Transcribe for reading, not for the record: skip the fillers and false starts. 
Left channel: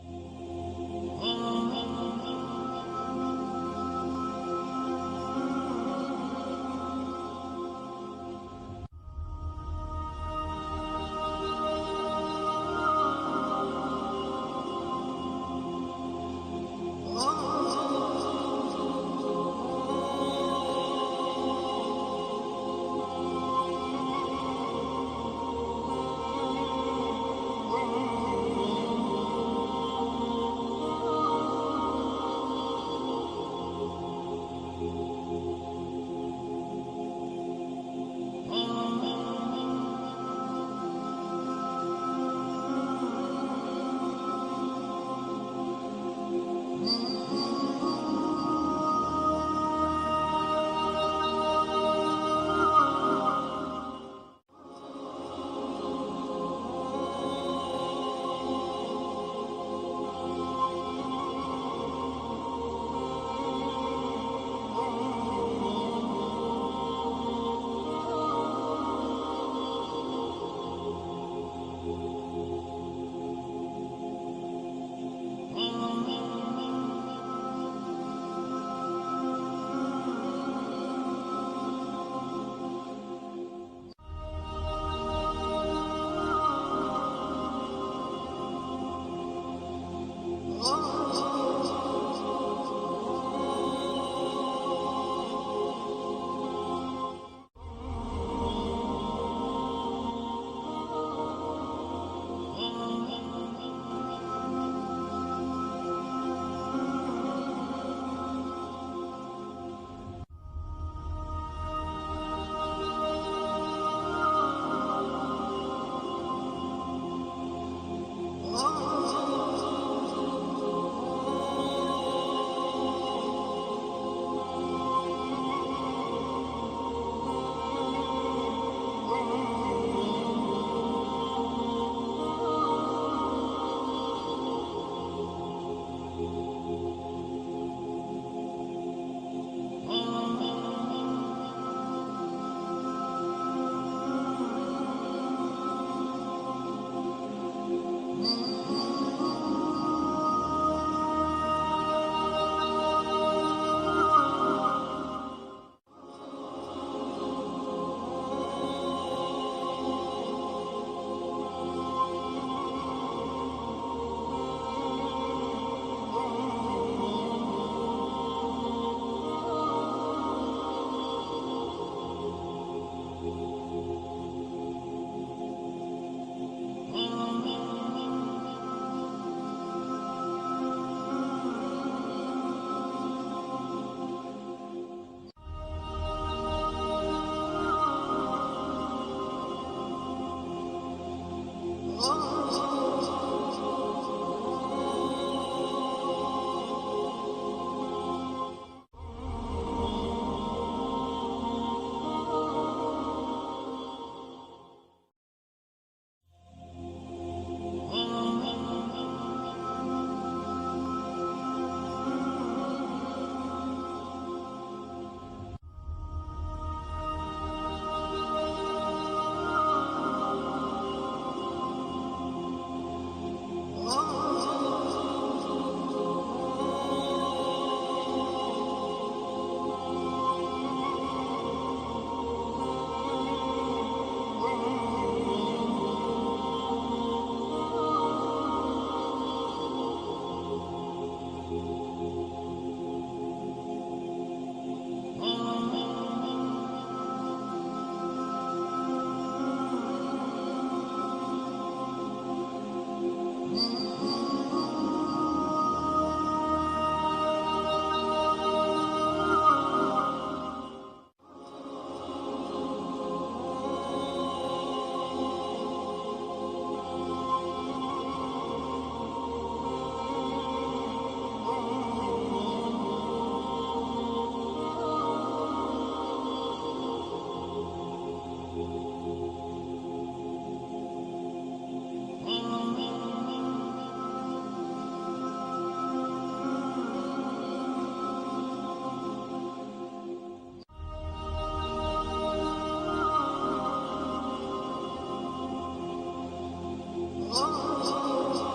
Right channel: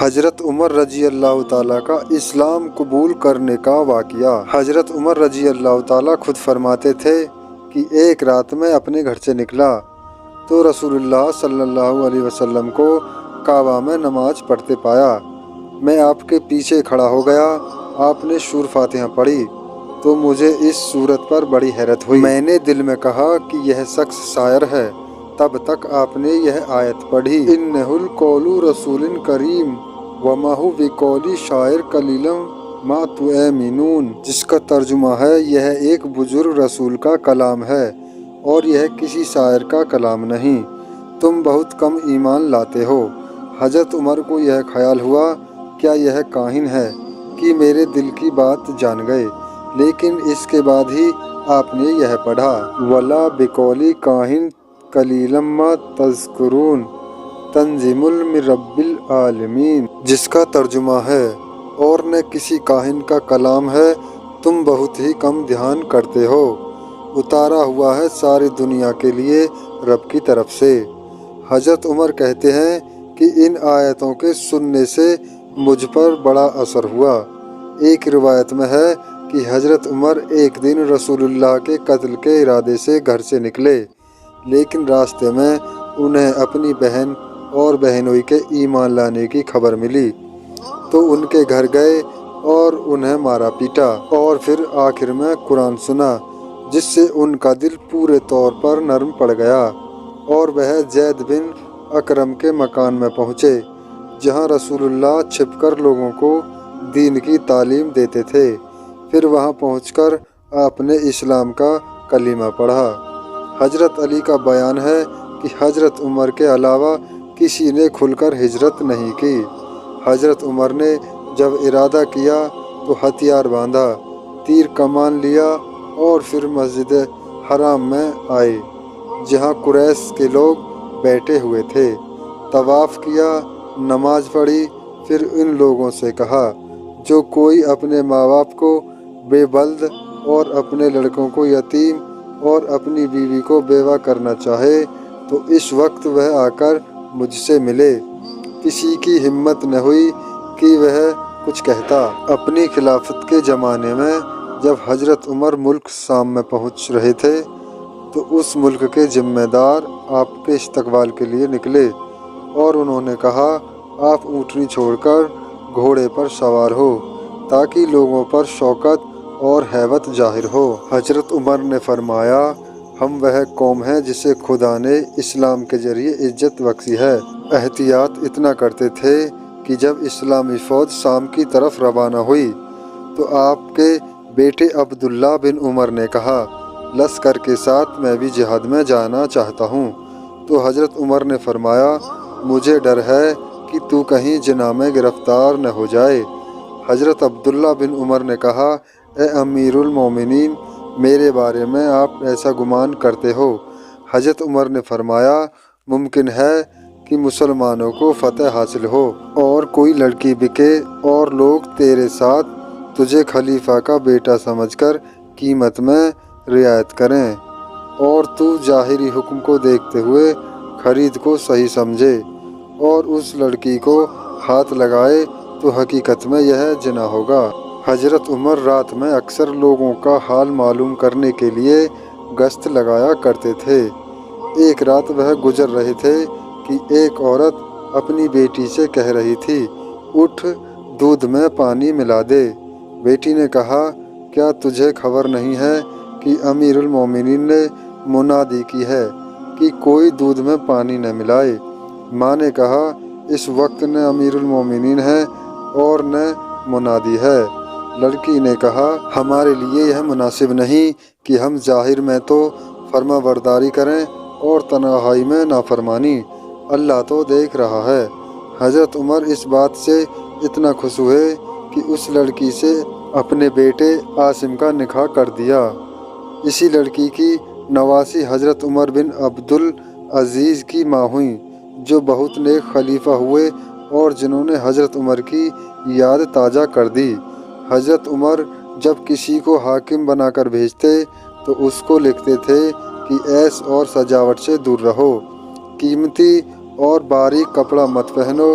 حضرت عمر رضی اللہ تعالیٰ کا اسلام قبول کرنے کا واقعہ۔ حضرت عمر رضی اللہ تعالیٰ خود فرماتے تھے کہ ایک رات میں اپنے گھر سے نکلا تو رسول اللہ صلی اللہ علیہ وسلم کو کعبہ میں نماز پڑھتے پایا۔ میں آپ کے پیچھے کھڑا ہو گیا۔ آپ نے سورۃ فاتحہ پڑھی تو مجھے اس سورت پر بڑی حیرت ہوئی۔ میں نے دل میں کہا کہ یہ شخص شاعر ہے۔ تب تک آپ نے یہ آیت پڑھی، اِنَّهُ الْقَوْلُ رَسُولٍ کریم وَمَا هُوَ بِقَوْلِ شَاعِرٍ قَلِيلًا مَا تُؤْمِنُونَ، جس کا ترجمہ ہے یہ ایک بزرگ رسول کا کلام ہے اور یہ کسی شاعر کا کلام نہیں، تم بہت کم ایمان لاتے ہو۔ حضرت عمر کو یہ خیال ہوا کیا یہ کاہن ہے کہ میرے دل کی بات جان گئے، لیکن اس کے بعد ہی آپ نے یہ پڑھا، وَلَا بِقَوْلِ کَاہِنٍ قَلِيلًا مَا تَذْكُرُونَ تنزیل من رب العالمین، جس کا ترجمہ ہے اور نہ کسی کاہن کا کلام ہے، تم بہت ہی کم دھیان کرتے ہو، اتارا ہوا ہے ساری دنیا کے لیے رب کی طرف سے۔ حضرت عمر کہتے ہیں کہ ان آیتوں کے سننے سے مجھ پر بڑا اثر ہوا۔ ایک روایت میں ہے کہ حضرت عمر ایک دن رسول اللہ کے قتل کے ارادے سے گھر سے نکلے، لیکن راستے میں انہیں اپنی بہن اور بہنوئی کے ایمان لانے کی خبر ملی تو ان کے گھر گئے اور انہیں مارا پیٹا، اور پھر آخر میں قرآن سنا جس سے ان کا دل پورے طور پر نرم پڑ گیا، اور وہ زید بن اکرم کے مکان میں پہنچے جہاں رسول اللہ چھپ کر لوگوں کو دین کی تعلیم دیتے تھے۔ پھر وہاں پہنچ کر آپ نے اسلام کا کلمہ پڑھا۔ حضرت علی کا بیان ہے کہ حضرت عمر کے علاوہ کسی نے کھل کر ہجرت نہیں کی۔ حضرت عمر نے جب ارادہ کیا تو ہتھیار باندھا، تیر کمان لیا اور پھر مسجد حرام میں آئے جہاں قریش کے لوگ بیٹھے ہوئے تھے، طواف کیا، نماز پڑھی، پھر ان لوگوں سے کہا، جو کوئی اپنے ماں باپ کو بے بلد اور اپنے لڑکوں کو یتیم اور اپنی بیوی کو بیوہ کرنا چاہے تو اس وقت وہ آ کر مجھ سے ملے۔ کسی کی ہمت نہ ہوئی کہ وہ کچھ کہتا۔ اپنی خلافت کے زمانے میں جب حضرت عمر ملک شام میں پہنچ رہے تھے تو اس ملک کے ذمہ دار آپ کے استقبال کے لیے نکلے اور انہوں نے کہا، آپ اونٹنی چھوڑ کر گھوڑے پر سوار ہو تاکہ لوگوں پر شوکت اور ہیبت ظاہر ہو۔ حضرت عمر نے فرمایا، ہم وہ قوم ہیں جسے خدا نے اسلام کے ذریعے عزت بخشی ہے۔ احتیاط اتنا کرتے تھے کہ جب اسلامی فوج شام کی طرف روانہ ہوئی تو آپ کے بیٹے عبداللہ بن عمر نے کہا، لشکر کے ساتھ میں بھی جہاد میں جانا چاہتا ہوں۔ تو حضرت عمر نے فرمایا، مجھے ڈر ہے کہ تو کہیں زنا میں گرفتار نہ ہو جائے۔ حضرت عبداللہ بن عمر نے کہا، اے امیر المومنین، میرے بارے میں آپ ایسا گمان کرتے ہو؟ حضرت عمر نے فرمایا، ممکن ہے کہ مسلمانوں کو فتح حاصل ہو اور کوئی لڑکی بکے اور لوگ تیرے ساتھ تجھے خلیفہ کا بیٹا سمجھ کر قیمت میں رعایت کریں اور تو ظاہری حکم کو دیکھتے ہوئے خرید کو صحیح سمجھے اور اس لڑکی کو ہاتھ لگائے تو حقیقت میں یہ زنا ہوگا۔ حضرت عمر رات میں اکثر لوگوں کا حال معلوم کرنے کے لیے گشت لگایا کرتے تھے۔ ایک رات وہ گزر رہے تھے کہ ایک عورت اپنی بیٹی سے کہہ رہی تھی، اٹھ دودھ میں پانی ملا دے۔ بیٹی نے کہا، کیا تجھے خبر نہیں ہے کہ امیر المومنین نے منادی کی ہے کہ کوئی دودھ میں پانی نہ ملائے؟ ماں نے کہا، اس وقت نہ امیر المومنین ہے اور نہ منادی ہے۔ لڑکی نے کہا، ہمارے لیے یہ مناسب نہیں کہ ہم ظاہر میں تو فرما برداری کریں اور تنہائی میں نافرمانی، اللہ تو دیکھ رہا ہے۔ حضرت عمر اس بات سے اتنا خوش ہوئے کہ اس لڑکی سے اپنے بیٹے عاصم کا نکاح کر دیا۔ اسی لڑکی کی نواسی حضرت عمر بن عبدالعزیز کی ماں ہوئیں، جو بہت نیک خلیفہ ہوئے اور جنہوں نے حضرت عمر کی یاد تازہ کر دی۔ حضرت عمر جب کسی کو حاکم بنا کر بھیجتے تو اس کو لکھتے تھے کہ عیش اور سجاوٹ سے دور رہو، قیمتی اور باریک کپڑا مت پہنو